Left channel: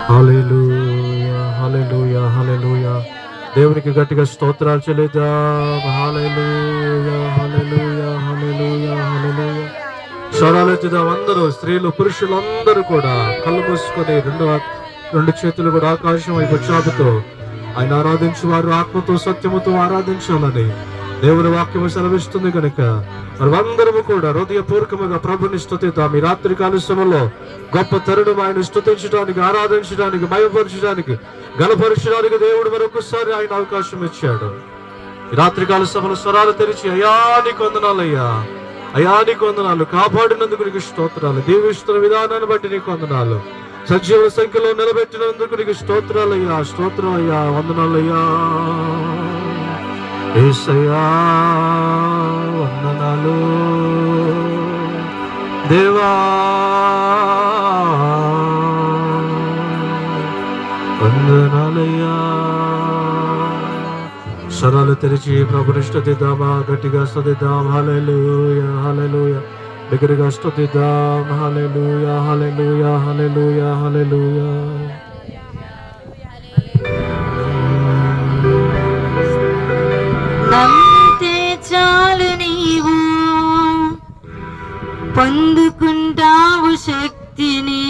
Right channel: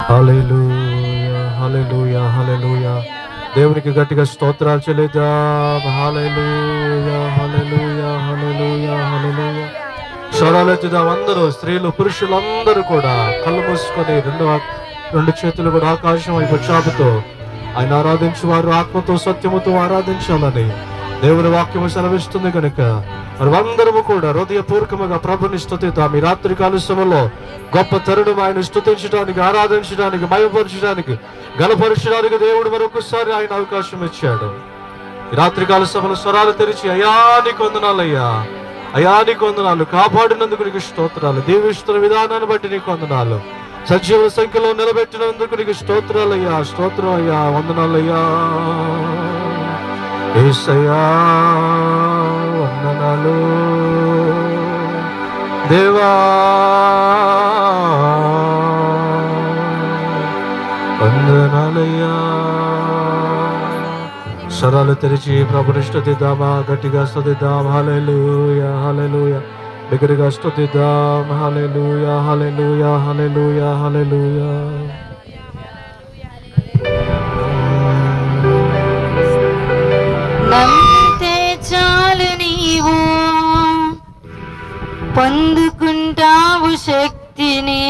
హల్లెలూయా hallelujah హల్లెలూయా. దేవునికి గట్టిగా స్తోత్రాలు చెల్లిద్దాం. హల్లెలూయా హల్లెలూయా హల్లెలూయా హల్లెలూయా. స్వరాలెత్తుదాం అందరూ, స్త్రీలు పురుషులందరూ కూడా కళ్ళు మూసుకొని రెండు చేతులు కూడా ఆకాశం వైపు చాపుతో ఆయన ఆరాధించు వారు ఆత్మతో సత్యముతో ఆరాధించాలని దేవుని వాక్యము సెలవిస్తుంది కనుక మనమందరము కూడా హృదయపూర్వకముగా ప్రభుని స్తుతిద్దాం. ఈ రాత్రి కాల సమయంలో గొప్ప తరుణం ఆయన స్తుతించడానికి, ఆరాధించడానికి, మయపరచడానికి, గణపరచడానికి దేవుడు మరొకసారి ఆయన అవకాశం ఇచ్చాడు. ఈ రాత్రికాల సమయంలో స్వరాలు తెరిచి అయానికి వందనాలయ్యా, అయానికి వందనాలు, కాపాడినందుకు నీకు స్తోత్రాలు, దీవిస్తున్న విధానాన్ని బట్టి నీకు వందనాలు, సజీవ సంఖ్యలో నిలబెట్టినందుకు నీకు స్తోత్రాలయ్యా, స్తోత్రాలయ్యా, వందనాలయ్యా యేసయ్యా, వందనాలు దేవా, వందనాలయ్యా. స్వరాలు తెరిచి ప్రభుని స్తుతిద్దామా, గట్టిగా స్తుతిద్దాం. హల్లెలూయా హల్లెలూయా. దగ్గరగా స్తుతిద్దాం. హల్లెలూయా హల్లెలూయా హల్లెలూయా హల్లెలూయా. పొందుకుంటావు శక్తిని,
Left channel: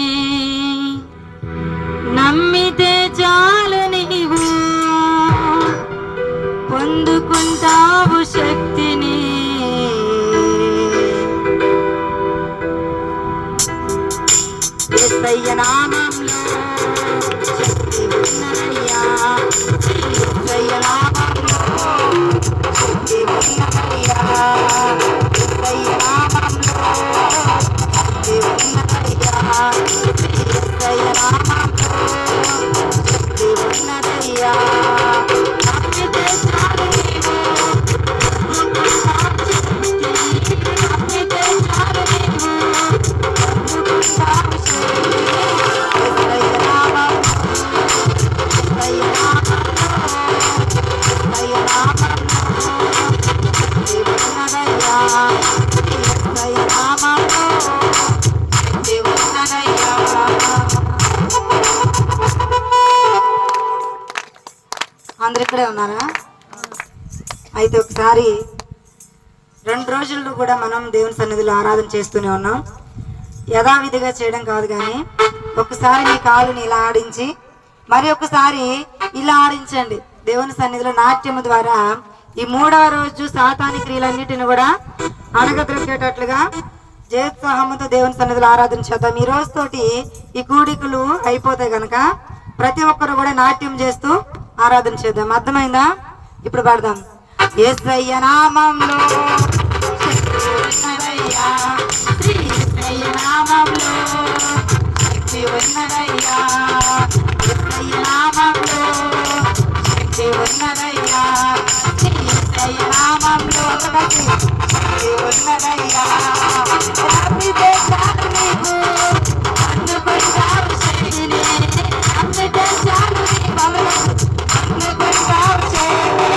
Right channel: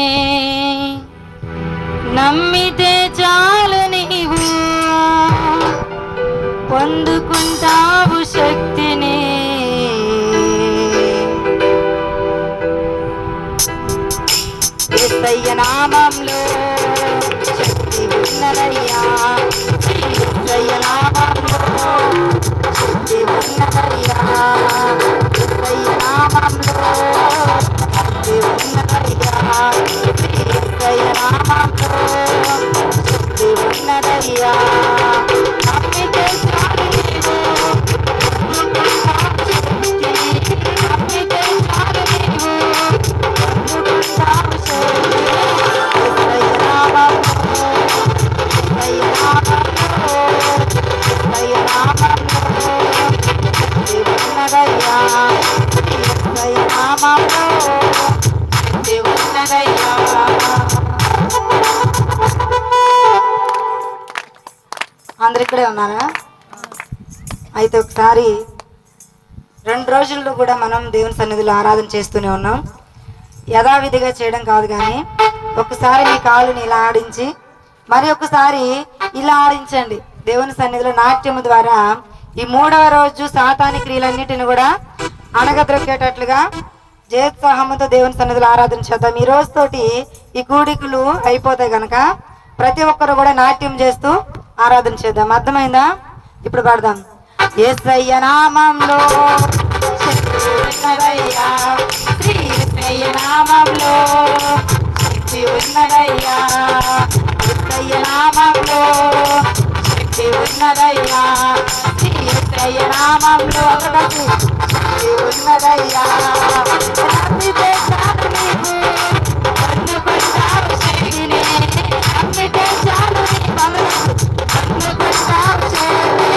నమ్మితే చాలు నీవు పొందుకుంటావు శక్తిని. యేసయ్య నామములో శక్తి ఉన్నదయ్యా, యేసయ్య నామములో శక్తి ఉన్నదయ్యా, యేసయ్య నామములో అందరు ఇక్కడే ఉన్నారా? అయితే ఒకసారి 2 రోజుల్లో కూడా మనం దేవుని సన్నిధిలో ఆరాధన చేస్తూనే ఉన్నాం. యథావిధిగా చేయడం కాదు, కానీ ఒకసారి మీ కాళ్ళని ఇలా ఆడించి మరి ఒకసారి ఇలా ఆడించండి. దేవుని సన్నిధిలో నాట్యము ద్వారా ఈ 3వ రోజు సాతాని క్రియలన్నిటిని కూడా అణగద్రొక్కేటట్లుగా జయోత్సాహంతో దేవుని సన్నిధిలో ఆరాధన చేద్దాం. ఈ రోజుతోటి ఈ కూడికలు అయిపోతాయి కనుక ప్రతి ఒక్కరు కూడా నాట్యం చేస్తూ ఆరాధన చేద్దాం. అర్థమైందా? ఇప్పుడు పడదాం. యేసయ్య నామములో శక్తి ఉన్నదయ్యా, యేసయ్య నామములో శక్తి ఉన్నదయ్యా, యేసయ్య నామములో శక్తి ఉన్నదయ్యా, యేసయ్య నామములో శక్తి ఉన్నదయ్యా. నమ్మితే చాలు నీవు పొందుకుంటావు శక్తిని, నమ్మితే చాలు నీవు పొందుకుంటావు శక్తిని.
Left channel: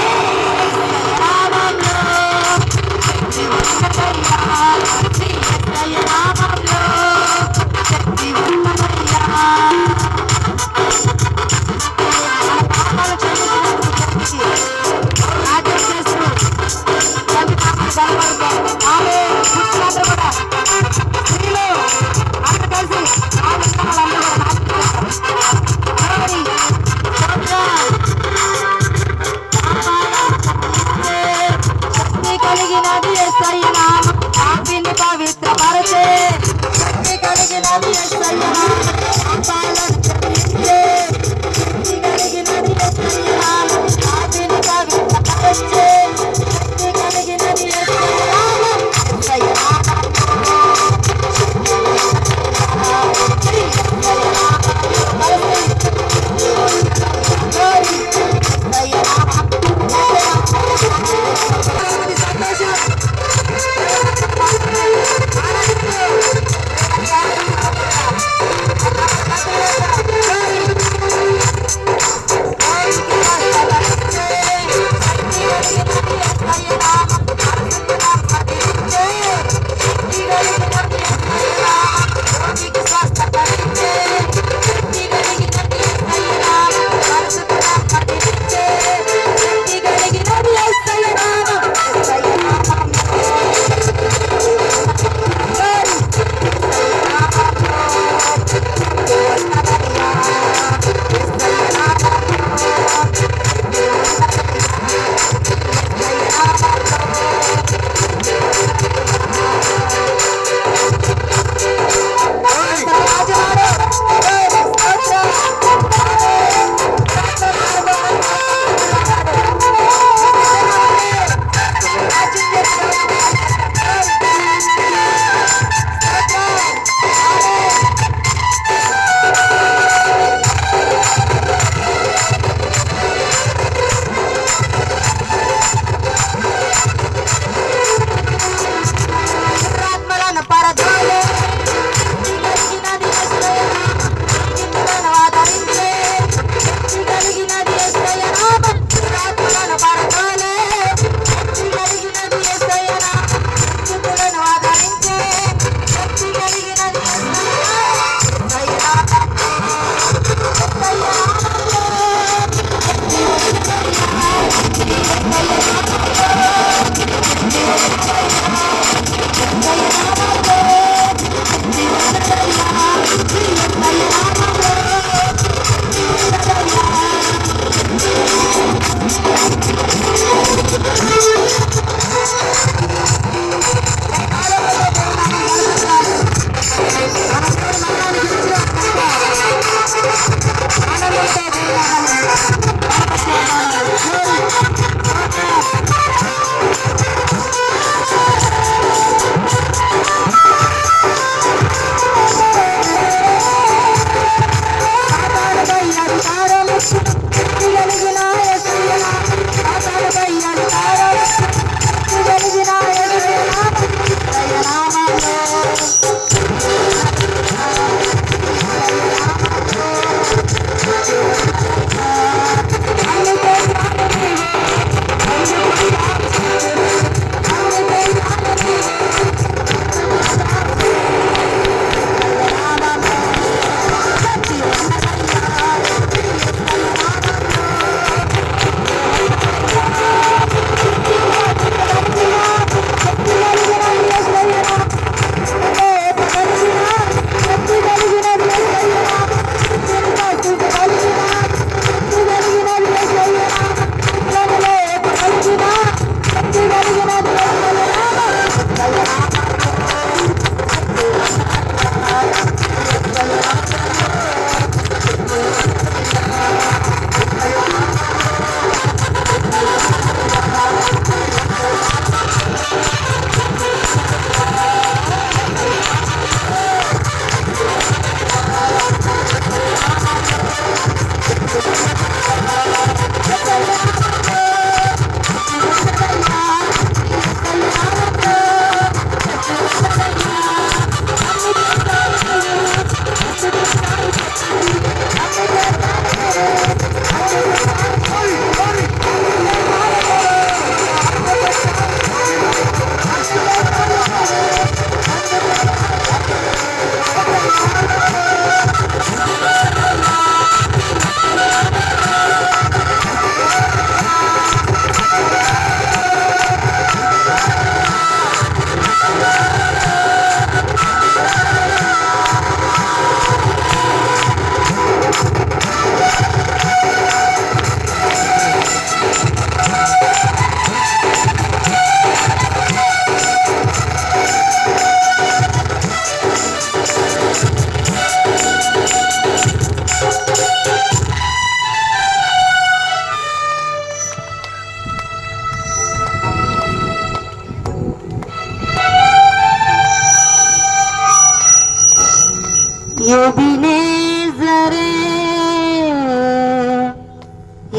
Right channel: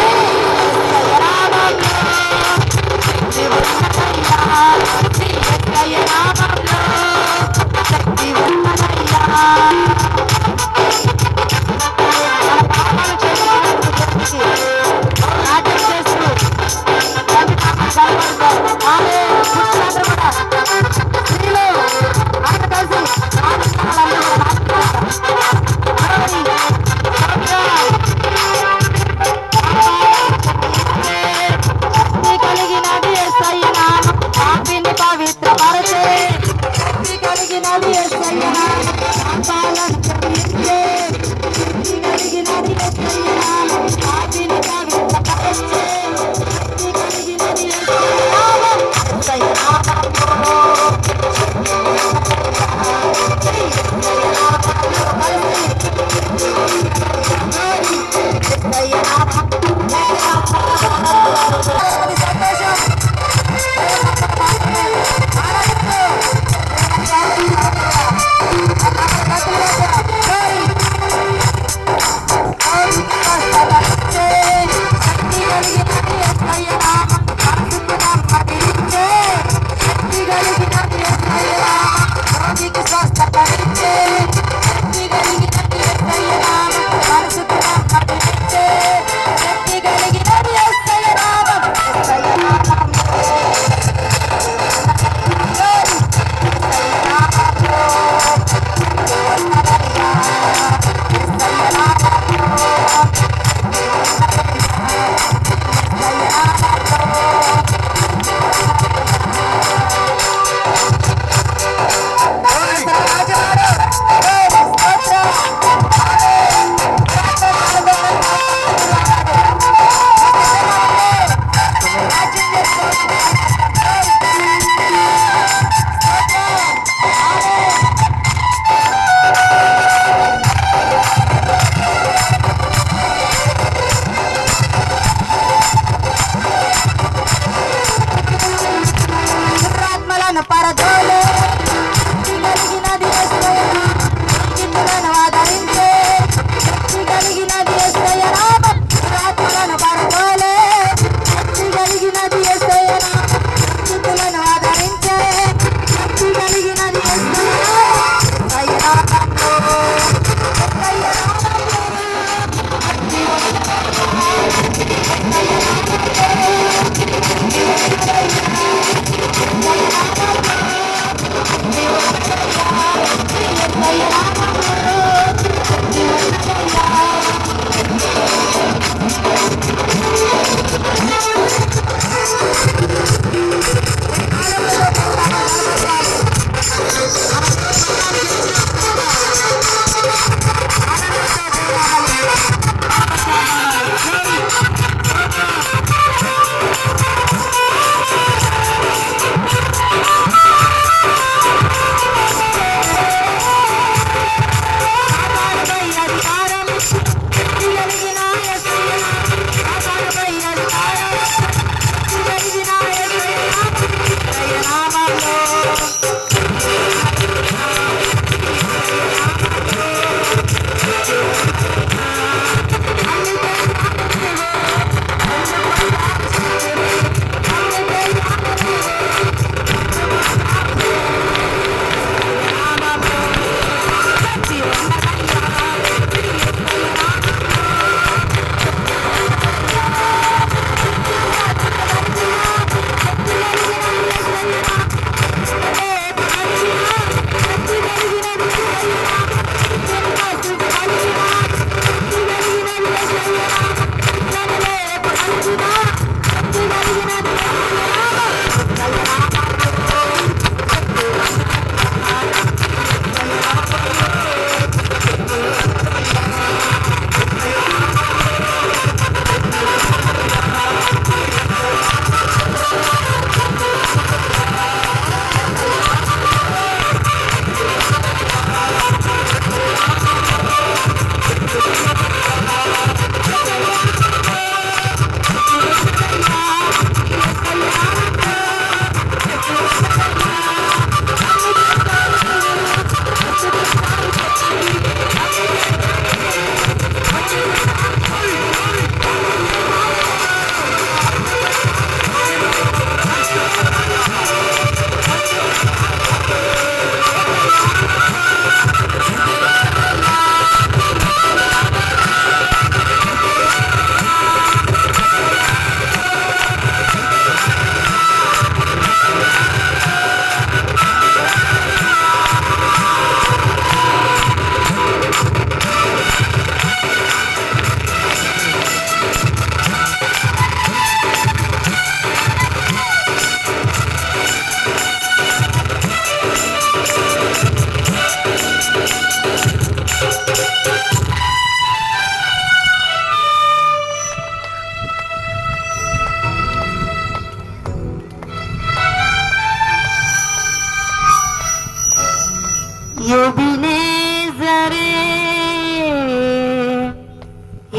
ఎబినేజరే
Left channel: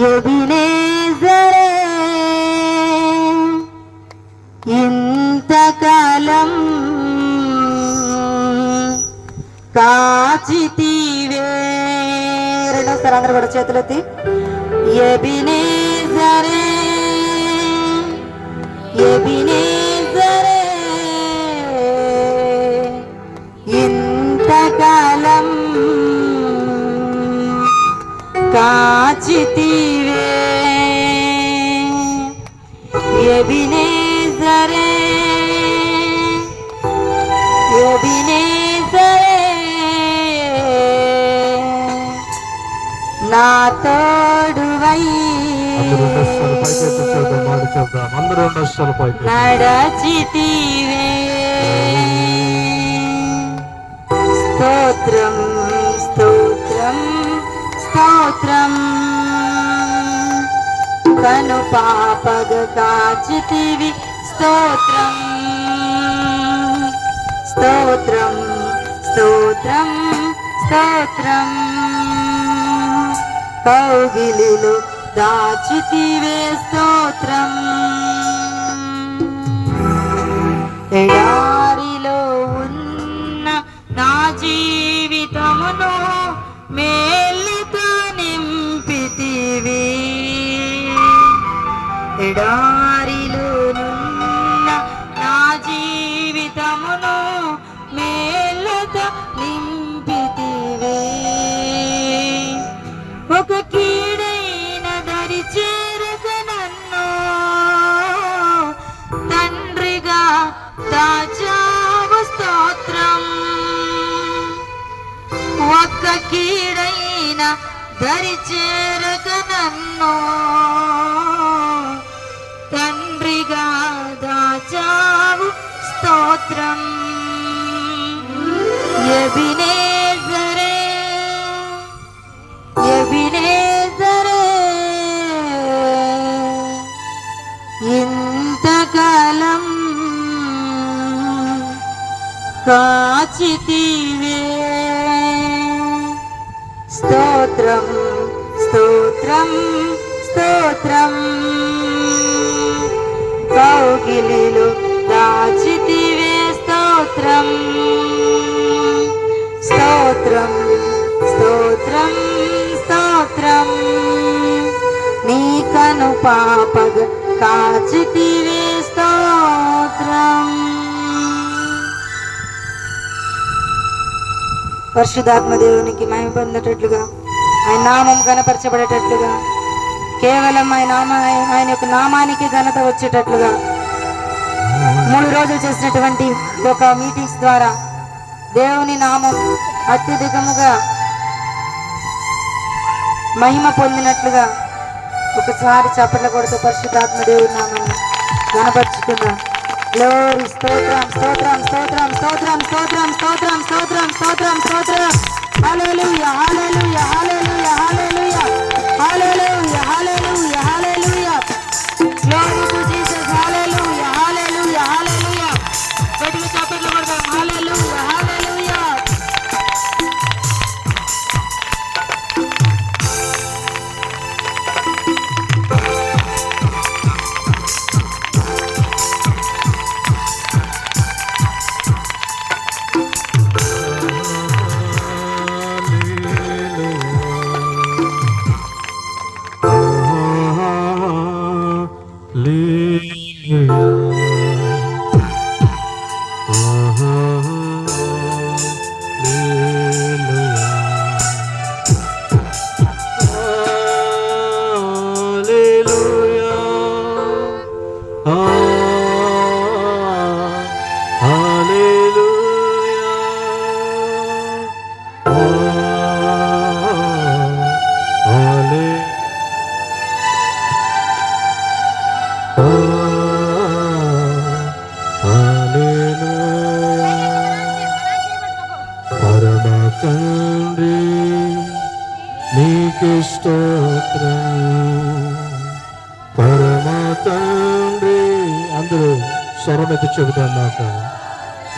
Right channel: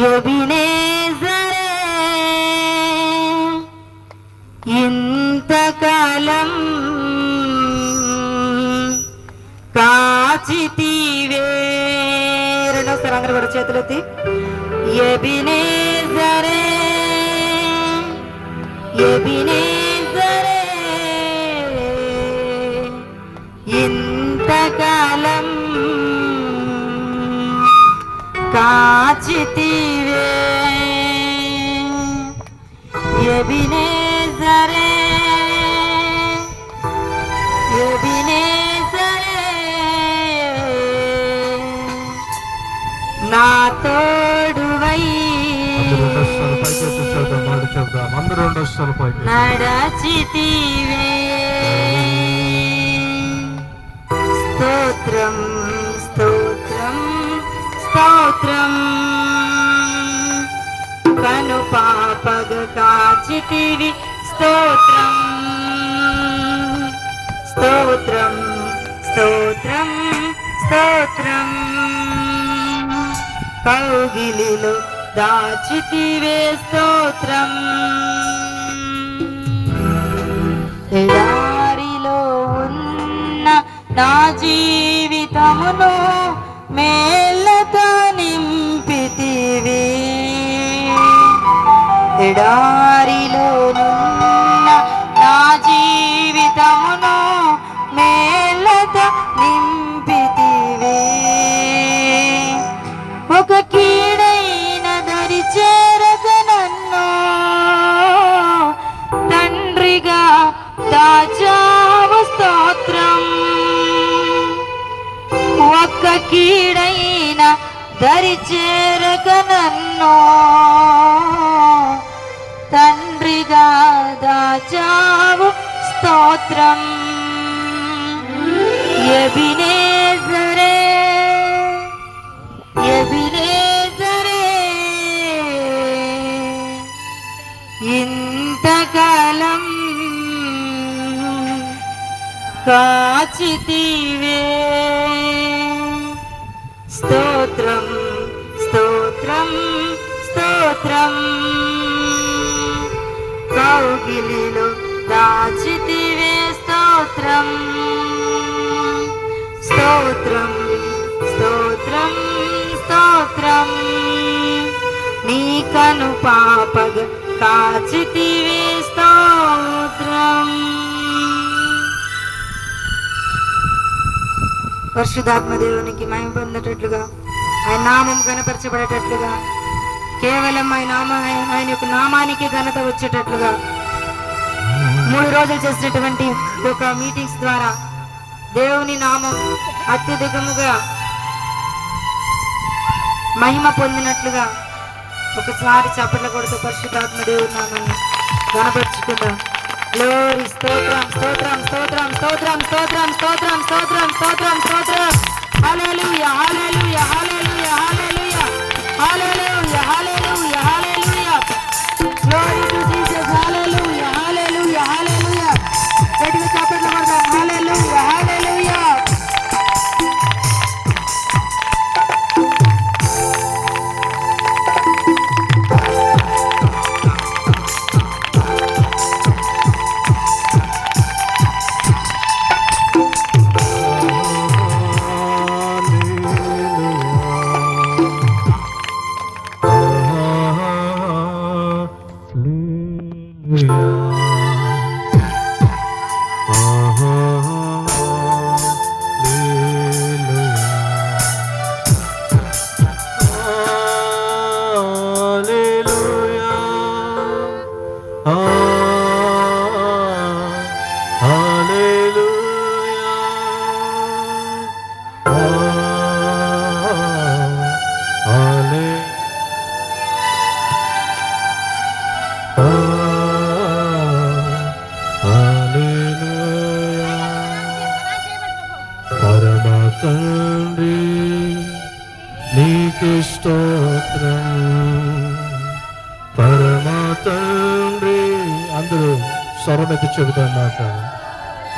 ఎబినేజరే ఇంతకాలం కాచితివే. రెండోసారి అందరూ కూడా చేతులెత్తి ఎబినేజరే ఎబినేజరే ఇంతకాలం కాచితివే. ఎబినేజరే ఎబినేజరే నా తోడువై నడచితివే. స్తోత్రం స్తోత్రం స్తోత్రం కను పాపగ కాచితివి. స్తోత్రం స్తోత్రం స్తోత్రం స్తోత్రం కౌగిలిలో దాచితివే. స్తోత్రం ఎడారిలో ఉన్న నా జీవితమును మేళ్ళతో నింపితివి. ఎడారిలో నున్న నా జీవితమును మేళ్ళతో నింపితివి. ఒక కీడైన దరి చేరక నన్ను తండ్రిగా దాచావు. స్తోత్రం ఒక్క కీడైన దరి చేరక నన్ను తండ్రిగా దాచావు. స్తోత్రం ఎబినేజరే ఎబినేజరే ఇంతకాలం కాచితివే. స్తోత్రం స్తోత్రం స్తోత్రం కౌగిలిలో దాచితివే. స్తోత్రం స్తోత్రం స్తోత్రం స్తోత్రం నీ కను పాపగ కాచితివే. స్తోత్రం. పరిశుద్ధాత్మ దేవునికి మహిమ పొందేటట్లుగా ఆయన నామం ఘనపరచబడేటట్లుగా కేవలం ఆయన యొక్క నామానికి ఘనత వచ్చేటట్లుగా 3 రోజులు చేసినటువంటి ఒక మీటింగ్స్ ద్వారా దేవుని నామం అత్యధికముగా మహిమ పొందినట్లుగా ఒకసారి చప్పట్ల కొడుతూ పరిశుద్ధాత్మ దేవుని నామాన్ని ఘనపరుచుకుందాం. గ్లోరీ స్తోత్రం స్తోత్రం స్తోత్రం స్తోత్రం స్తోత్రం స్తోత్రం స్తోత్రం స్తోత్రం స్తోత్రం. Hallelujah hallelujah hallelujah hallelujah hallelujah hallelujah hallelujah. Glory to Jesus. Hallelujah hallelujah hallelujah. గట్టిగా చప్పట్లు కొడదాం. హల్లెలూయా హల్లెలూయా. నీకే స్తోత్రం పరమ తండ్రి. అందరూ స్వరమెత్తి చెబుతున్నమాట.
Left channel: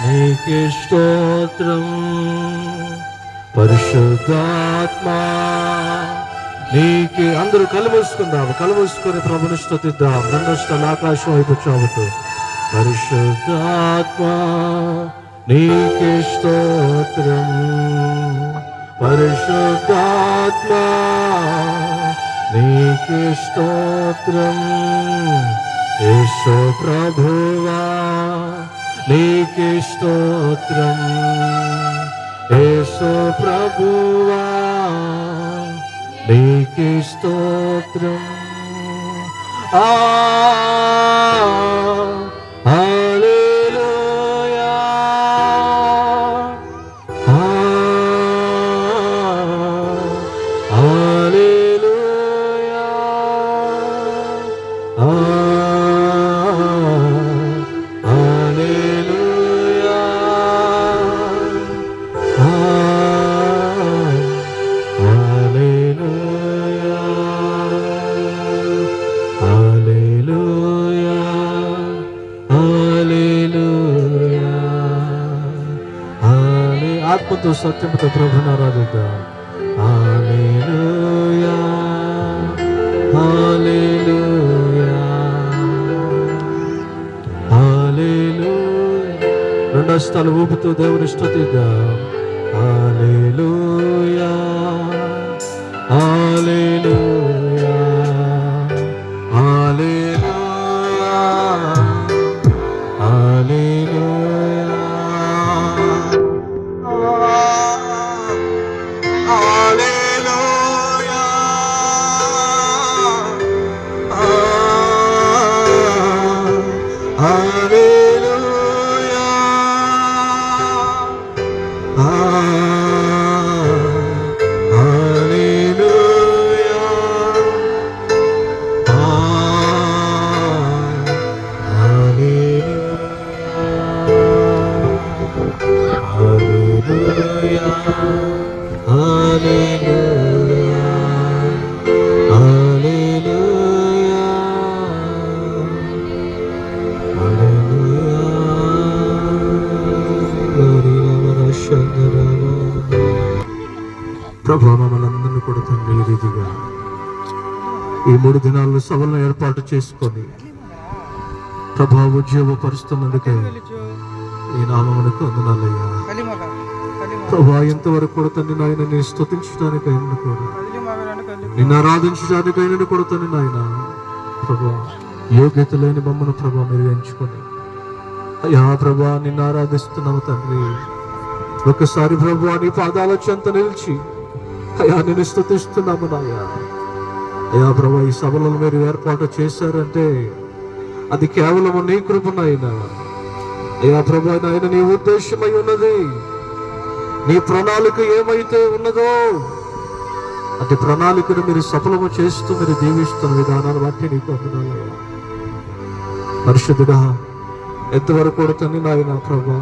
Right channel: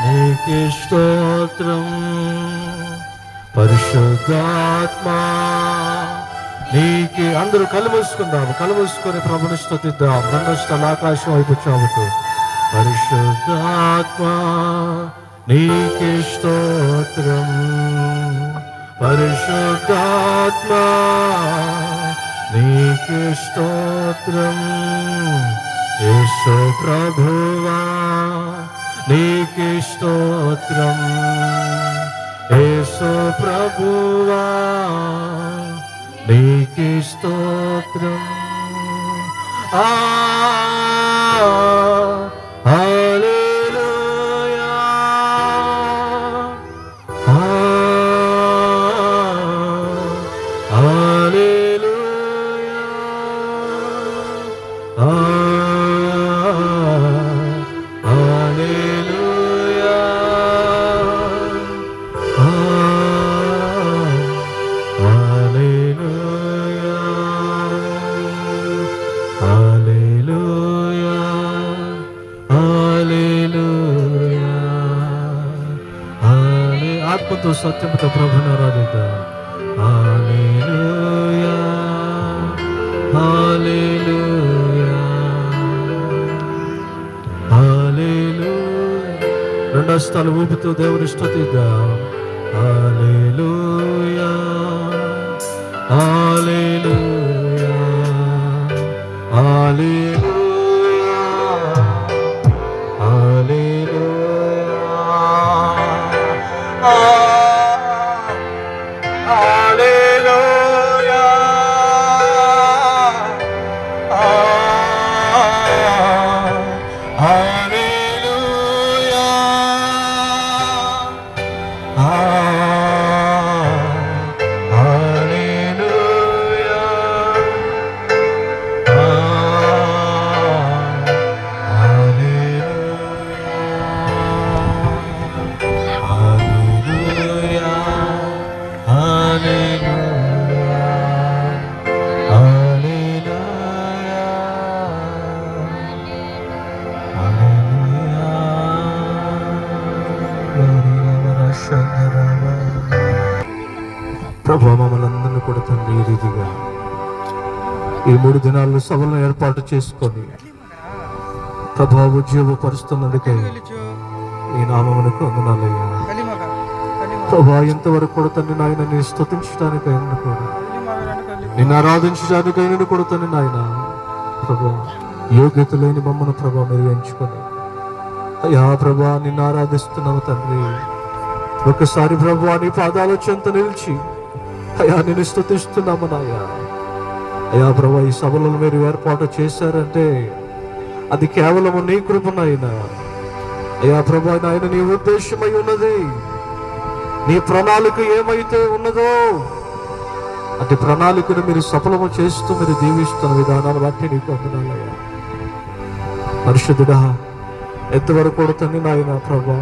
నీకే స్తోత్రం పరిశుద్ధాత్మ నీకే. అందరూ కళ్ళు మూసుకుందాం, కళ్ళు మూసుకొని ప్రభుని స్తుతిద్దాం. రంగస్థల ఆకాశం వైపు చావుతూ పరిశుద్ధాత్మ నీకే స్తోత్రం పరిశుద్ధాత్మ నీకే స్తోత్రం. యేసు ప్రభువా నీకే స్తోత్రం. యేసు ప్రభువా నీకే స్తోత్రం. హల్లెలూయా హల్లెలూయా హల్లెలూయా ఆత్మతో సత్యముతో ప్రభుని ఆరాధిద్దాం. హల్లెలూయా హల్లెలూయా హల్లెలూయా. రెండు హస్తాలు ఊపుతూ దేవుని స్తుతిద్దాం. హల్లెలూయా హల్లెలూయా హల్లెలూయా హల్లెలూయా హల్లెలూయా హల్లెలూయా ప్రభు మమ్మల్ని అందరినీ కూడా తండ్రి ఈ రీతిగా ఈ 3 దినాల్లో సభలను ఏర్పాటు చేసుకొని ప్రభు ఉద్యోగపరుస్తున్నందుకే ఈ నామమునకు వందనాలయ్యా. ప్రభు ఎంతవరకు కూడా తండ్రి నాయన నీ స్తుతించడానికైనా కూడా నిన్ను ఆరాధించడానికైనా కూడా తండ్రి నాయన ప్రభు యోగ్యత లేని మమ్మల్ని ప్రభు మీరు ఎంచుకొని అయ్యా ప్రభు నిన్ను ఆరాధిస్తున్నాము తండ్రి. ఒకసారి ప్రభు నీ పాదాల చెంత నిలిచి అయ్యా నిన్ను స్తుతిస్తున్నాము నాయా. అయ్యా ప్రభు ఈ సభలను మీరు ఏర్పాటు చేశారంటే అది కేవలము నీ కృపనైనా అయ్యా ప్రభు నాయన నీ ఉద్దేశమై ఉన్నది. నీ ప్రణాళిక ఏమైతే ఉన్నదో అటు ప్రణాళికను మీరు సఫలము చేస్తూ మీరు దీవిస్తున్న విధానాన్ని బట్టి నీకు వందనాలయ్యా. పరిశుద్ధుడా ఎంతవరకు కొడుతుంది నాయన ప్రభా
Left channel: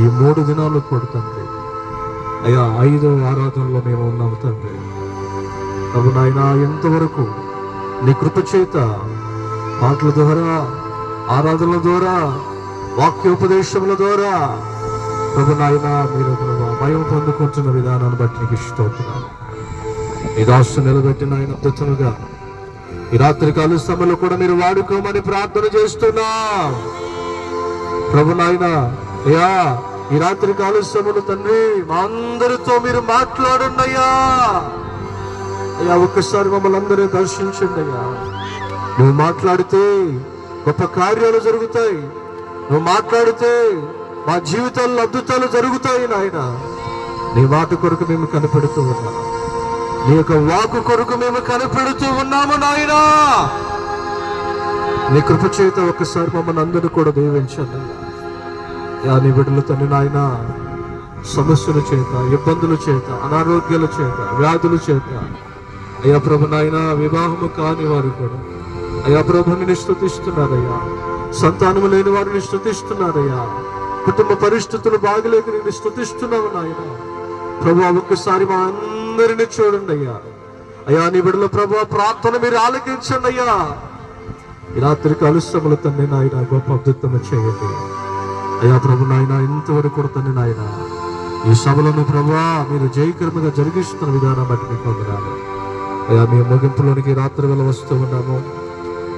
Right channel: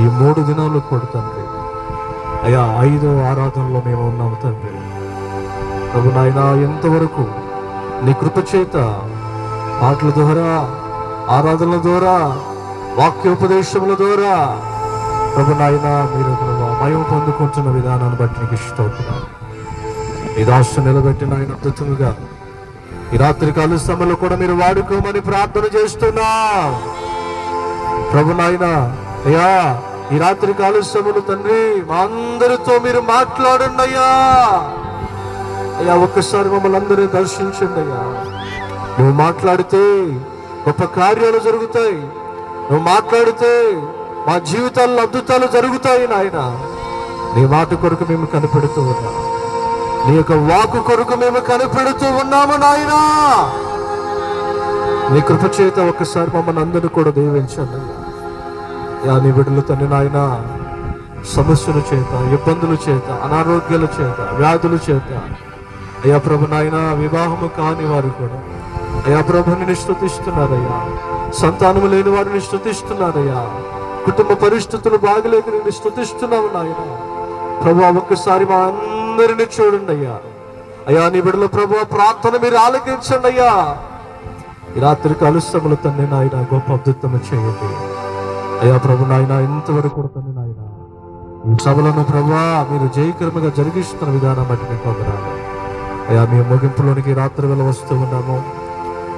ఈ 3 దినాలు కొడుతండి అయ్యా 5వ ఆరాధనలో మేము ఉన్నాము తండ్రి. ప్రభు నాయన ఎంతవరకు నీ కృప చేత పాటల ద్వారా ఆరాధనల ద్వారా వాక్యోపదేశముల ద్వారా ప్రభు నాయన మీరు మయం పొందుకుంటున్న విధానాన్ని బట్టి నీకు ఇష్టపడుతున్నాను. ఈ రాష్ట్రం నిలబెట్టి నాయన అద్భుతంగా ఈ రాత్రి కాల సమయంలో కూడా మీరు వాడుకోమని ప్రార్థన చేస్తున్నా ప్రభు నాయన. అయ్యా ఈ రాత్రి కాల సమయంలో తండ్రి మా అందరితో మీరు మాట్లాడండి అయ్యా. అయ్యా ఒక్కసారి మమ్మల్ని అందరూ దర్శించండి అయ్యా. నువ్వు మాట్లాడితే గొప్ప కార్యాలు జరుగుతాయి. నువ్వు మాట్లాడితే మా జీవితాల్లో అద్భుతాలు జరుగుతాయి నాయన. నీ మాట కొరకు మేము కనిపెడుతూ ఉన్నాం. నీ యొక్క వాకు కొరకు మేము కనిపెడుతూ ఉన్నాము నాయన. నీ కృప చేత ఒక్కసారి మమ్మల్ని అందరూ కూడా దీవించండి అయ్యా. నీ బిడ్డలు తండ్రి నాయన సమస్యల చేత ఇబ్బందుల చేత అనారోగ్యాల చేత వ్యాధుల చేత అయ్యా ప్రభు నాయన వివాహము కాని వారు కూడా అయ్యా ప్రభుని స్తుతిస్తున్నారయ్యా. సంతానము లేని వారిని స్తుతిస్తున్నారయ్యా. కుటుంబ పరిస్థితులు బాగలేక నేను స్తుతిస్తున్నావు నాయన. ప్రభు ఒక్కసారి మా అందరిని చూడండి అయ్యా. అయ్యా నీ బిడ్డల ప్రభు ప్రార్థన మీరు ఆలకించండి అయ్యా. ఈ రాత్రి కలుస్తములు తండ్రి నాయన గొప్ప అద్భుతము చేయండి అయ్యా ప్రభు నాయన. ఇంతవరకు కూడా తండ్రి నాయన ఈ సభలను ప్రభా మీరు జయకరముగా జరిగిస్తున్న విధానం బట్టి మీకు వందనాలు అయ్యా. మీ ముగింపులోనికి రాత్రి వేళ వస్తూ ఉన్నాము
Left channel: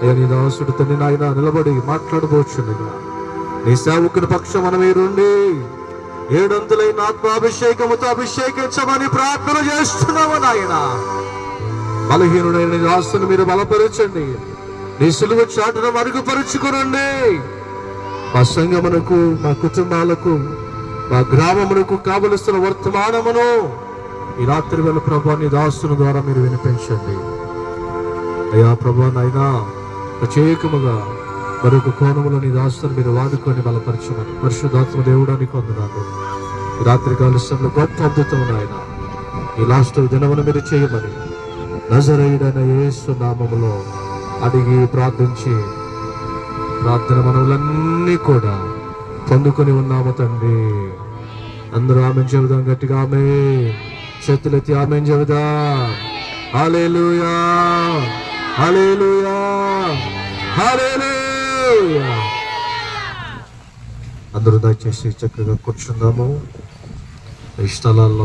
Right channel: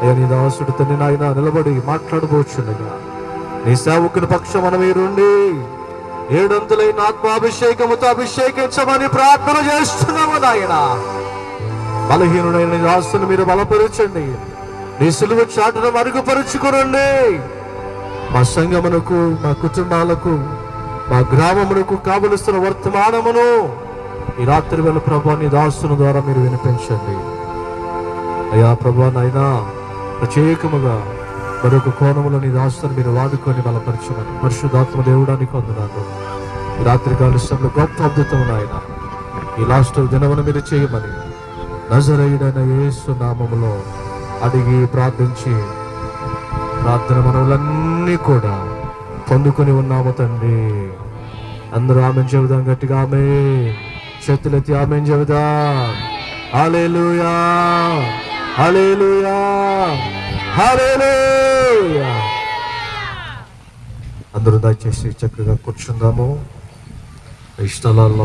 అయ్యా. నీ దాసుడు తండ్రి నాయన నిలబడి మాట్లాడబోచుండగా నీ సేవకుని పక్షమున మీరుండి 700 ఆత్మాభిషేకముతో అభిషేకించమని ప్రార్థన చేస్తున్నాము నాయన. బలహీనుడైన నీ దాసుని మీరు బలపరచండి. నీ సిలువ చాటును మరుగుపరుచుకునండి. మా సంఘమునకు, మా కుటుంబాలకు, మా గ్రామమునకు కావలసిన వర్తమానమును ఈ రాత్రి వేళ ప్రభు నీ దాసుని ద్వారా మీరు వినిపించండి అయ్యా. ప్రభు నాయనా ప్రత్యేకముగా మరొక కోణములో నీ దాసుని మీరు వాడుకొని బలపరచమని పరిశుద్ధాత్మ దేవుడానికి వందనాలు. ఈ రాత్రి కాలుష్యంలో గొప్ప అద్భుతం నాయన ఈ లాస్ట్ దినమును మీరు చేయమని నజరేయుడైన యేసు నామములో అడిగి ప్రార్థించి ప్రార్థన మనవులన్నీ కూడా పొందుకొని ఉన్నాము తండ్రి. అందరూ ఆమెను చెబుదాం గట్టిగా. ఆమె చేతులెత్తి ఆమెను చెబుదాం. హల్లెలూయా, హల్లెలూయా, హల్లెలూయా. అందరూ దయచేసి చక్కగా కూర్చుందాము. ఈ స్థలాల్లో